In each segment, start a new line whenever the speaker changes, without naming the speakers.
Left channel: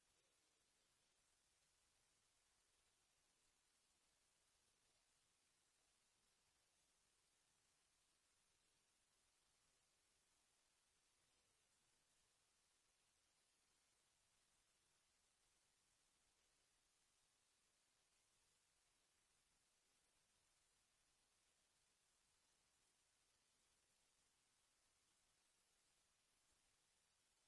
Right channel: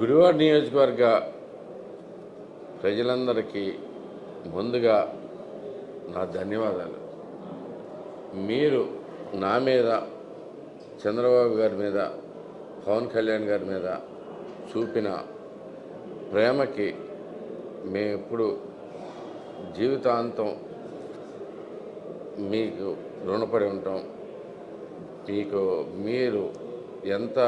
గుడివాడ నియోజకవర్గ ప్రజలందరికీ ముందుగా నా ధన్యవాదాలు. మీరు నా మీద చంద్రబాబు గారి మీద పవన్ కళ్యాణ్ గారి మీద చూపిన ప్రేమకి మేము ఎప్పుడు జీవితాంతం మీకు రుణపడి ఉంటాం. మీకు మీరు ఎంత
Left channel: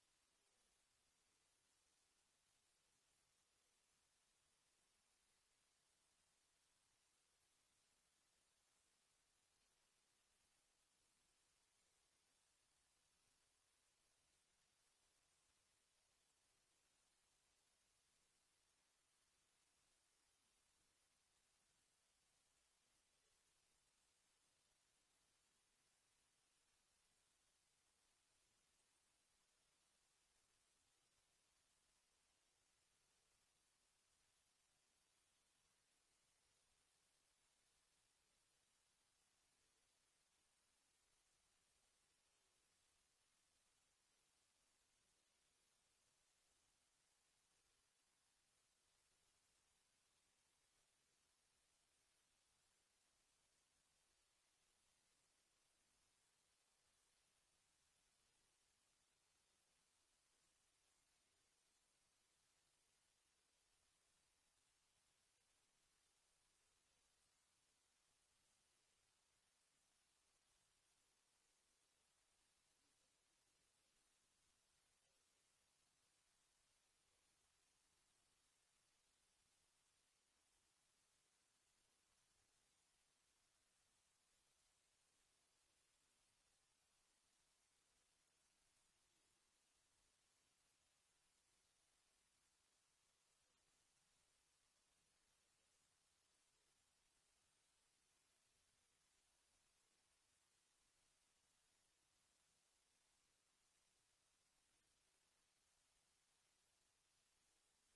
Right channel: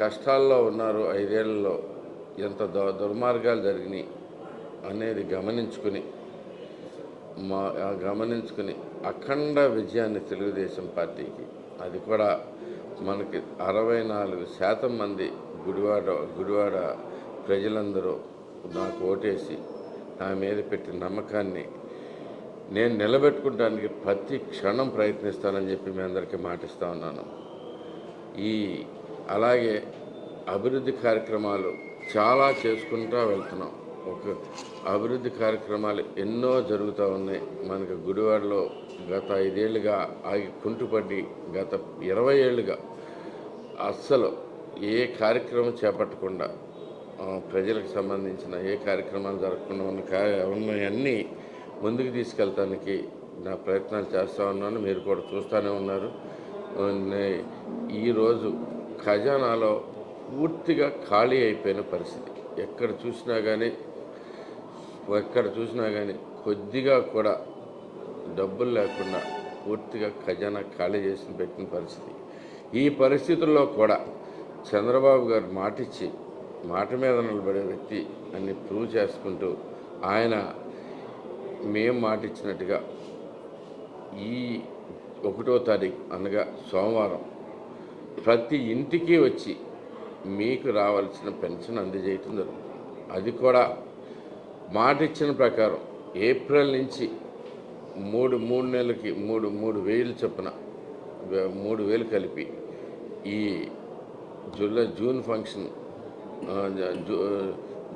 కష్టాల్లో ఉన్నారు ఐదేళ్ళలో ఎంత దు దుర్మార్గాలు జరిగినాయి అనేది గమనించుకుని మా గమనించుకుని అఖండ విజయాన్ని తెలుగుదేశం పార్టీకి అది కూడా మనకి అరవై నాలుగు శాతం మంది గుడివాడ గుడివాడ ప్రజలందరూ నాకు ఓటేసి నా మీద పెట్టిన నమ్మకాన్ని నేను నిలబెట్టుకోవడానికి ప్రతి క్షణం ప్రయత్నిస్తానని చెప్పి మీ అందరికీ మాటిస్తా ఉన్నాను. ఈ అలాగే అభివృద్ధి కార్యక్రమాలు చాలా చేసుకుంటూ వెళ్తున్నాం. ఒక అభివృద్ధి కార్యక్రమాలు ఎన్నో జరుగుతూ ఉన్నాయి. మనకు గుడివాడలో గత ఐదేళ్ళుగా ఆగి కుంటుపడి గత ఇరవై ఏళ్ళుగా అస్సలు ఏ కార్యక్రమం చేపట్టకుండా ప్రజలకు సంబంధించిన ఏ కార్యక్రమాలు జరగకుండా ఉన్న ఉన్నాయన్నీ ముందుకు తీసుకెళ్తానికి నా ప్రయత్నాలు చేస్తూ ఉన్నాను. మీరు కూడా చూస్తూనే ఉన్నారు. ఈరోజు ఖజానాలో పూర్తిగా ఖాళీ అయిపోయిన పరిస్థితి. ఎక్కడ చూసినా కానీ ఎక్కడ చూసినా కానీ కొద్దిగా కూడా డబ్బులు లేకుండా పూర్తిగా ఖజానా ఖాళీ చేసి పెట్టిన పరిస్థితి. ఈ పరిస్థితుల్లో కూడా చంద్రబాబు గారు మాటిచ్చి మాట మీద నిలబడే వ్యక్తి అని ప్రూవ్ చేసుకుంటూ ఆయన మేము మాటిచ్చినట్టుగా ఈ ఒకటో తారీఖు అనగా సోమవారం ప్రతి ఇంటికి వచ్చి మీకు రావాల్సిన పెన్షన్ అందజేయటం జరుగుతుంది. అది కూడా మాట ఇచ్చిన ప్రకారం ఏప్రిల్ నుంచి మూడు మూడు నెలలకి మూడు మూడు వేలు చొప్పున మూడు వేలు కలిపి ఈ జూలై జూన్ ఫంక్షన్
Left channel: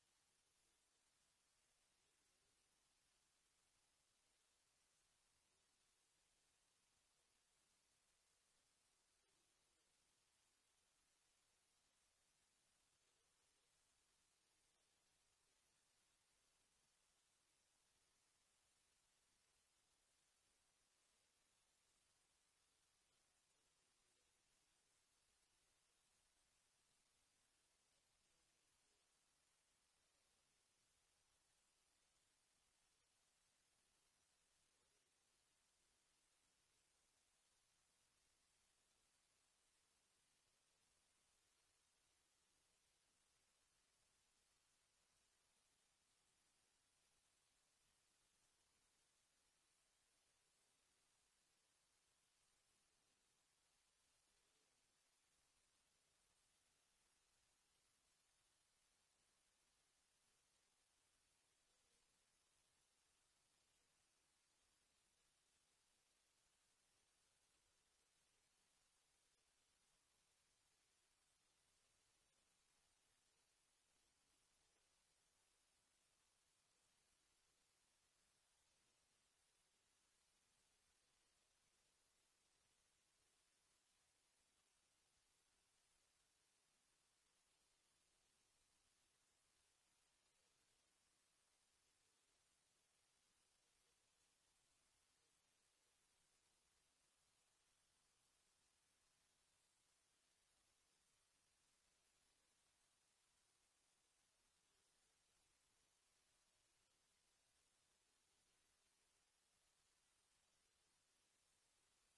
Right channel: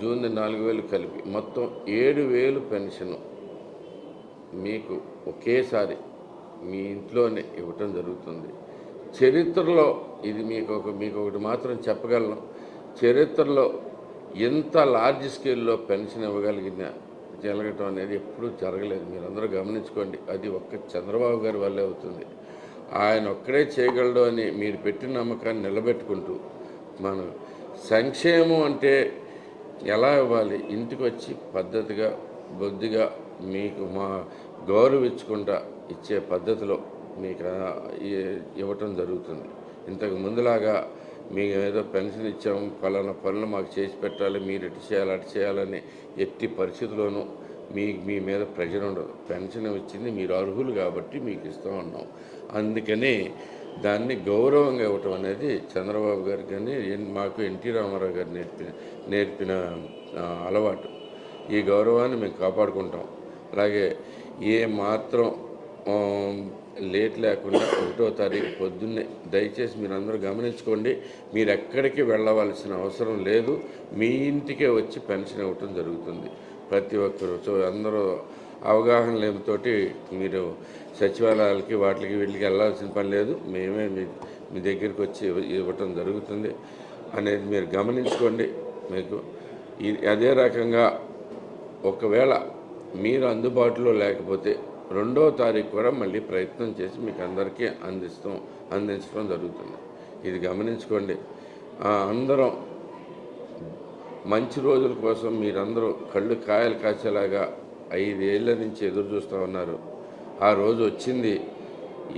జూన్ నాలుగు వేలు కలిపి మొత్తం ఏడు వేలు పెన్షన్ మీకు ఒకేసారి మీ ఇంట్లోనే ఇవ్వటం జరుగుతుంది. చరిత్రలో ఇది మీకు ఒక మీకు ఒకటి మాత్రం చెప్పగలను. చరిత్రలో ఎంత లార్జ్ స్కేల్లో పెన్షన్ ఇవ్వగలిగిన జరగటం అనేది ఎప్పుడూ జరగలేదు. మీరందరూ గమనించుకోండి అది ఒక్క చంద్రబాబు గారి వల్లే అవుతుంది. ఆయన ఒక్కడే చేయగలడు అని మీరు పెట్టిన నమ్మకాన్ని నిలబెట్టుకుంటూ మనం సంక్షేమం అంటే ఎలా ఇవ్వాలి? ఇంటికి వచ్చి పద్ధతిగా బొద్దిగా మీకు మా గౌరవించుకుంటా ఇచ్చే పద్ధతిలో మీకు ఇవ్వటం జరుగుతుంది. ఇంతకు ముందులాగా మీకు ఏదో పెన్షన్ ఇచ్చాము పలానా పనులు మాకు చేసి పెట్టాలి మీరు ఇటు చేయాలి అటు చేయాలని ఎట్టి పరిస్థితుల్లోనూ మీ మీ మీద ప్రెషర్ ఉండదు. పెన్షన్ ఇచ్చింది మీరు అర్హులు కాబట్టి మీకు ఇస్తూ ఉన్నాం అందుకని దాన్ని గౌరవంగా ఇవ్వటం అనేది చంద్రబాబు గారు కానీ మాకు ఎన్టీ రామారావు గారు నేర్పిన నేర్పిన అలవాటు. ఈ గౌరవాన్ని మేము కాపాడుకుంటాం. అలాగే ఏ మాత్రం లేట్ లేకుండా ఒకటో తారీఖు పొద్దున్నే దయచేసి మీరు అందరూ గమనించుకోండి మీరు ఎక్కడికి వెళ్ళవలసిన అవసరం లేదు మీ ఇంటికే వచ్చి పెన్షన్ ఇవ్వటం జరుగుతుంది. ప్రతి ఒక్కరు సో అందరూ అవగాహన లేనితోటి మీరు సచివాలయాలకి వాటికి వీటికి వెళ్ళాల్సిన పని లేదు మేమే మీ మీ దగ్గరికి వచ్చి ఇవ్వటం జరుగుతుంది అనేది మీరు గమనించుకోండి. మీకు అదే రకంగా ఒకవేళ మీరు అందుబాటులో లేకపోతే రెండో తారీఖు కూడా మళ్ళీ ప్రయత్నం చేసి మీకు అందరికీ అందిస్తాం అందించడం జరుగుతుంది. ఇది గమనించుకోండి. అందరం మంచి రోజుల కోసం మీరందరూ కళ్ళు కాయలు కాచేలాగా ఐదేళ్ళ నుంచి ఎదురు చూస్తూ ఉన్నారు. ఆ రోజు వచ్చింది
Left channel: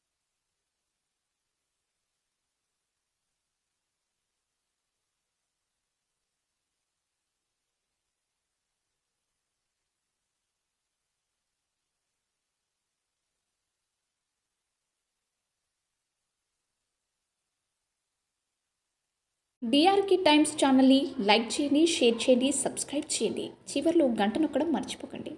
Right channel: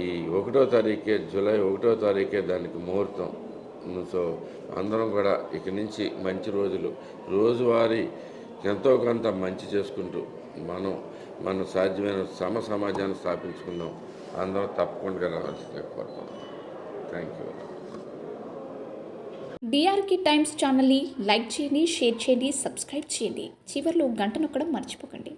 ఈ ఒకటో తారీఖే జూలై ఒకటో తారీఖే దానికి ముహూర్తం. సో అందరం కూడా ఇక నుంచి మంచి రోజులు. రోజువారీ ఎంతో కొంత మంచి చేసుకుంటూ మనం మనం సాధ్యమైన సమ సమాజాన్ని స్థాపించుకుందాం. అందరూ తప్పకుండా రావాల్సిందే థ్యాంక్ యూ
డిఆర్కే టైమ్స్ ఛానల్ని లైక్ చేయండి షేర్ చేయండి సబ్స్క్రైబ్ చేయండి. చివరిలో గంట నొక్కడం మర్చిపోకండి.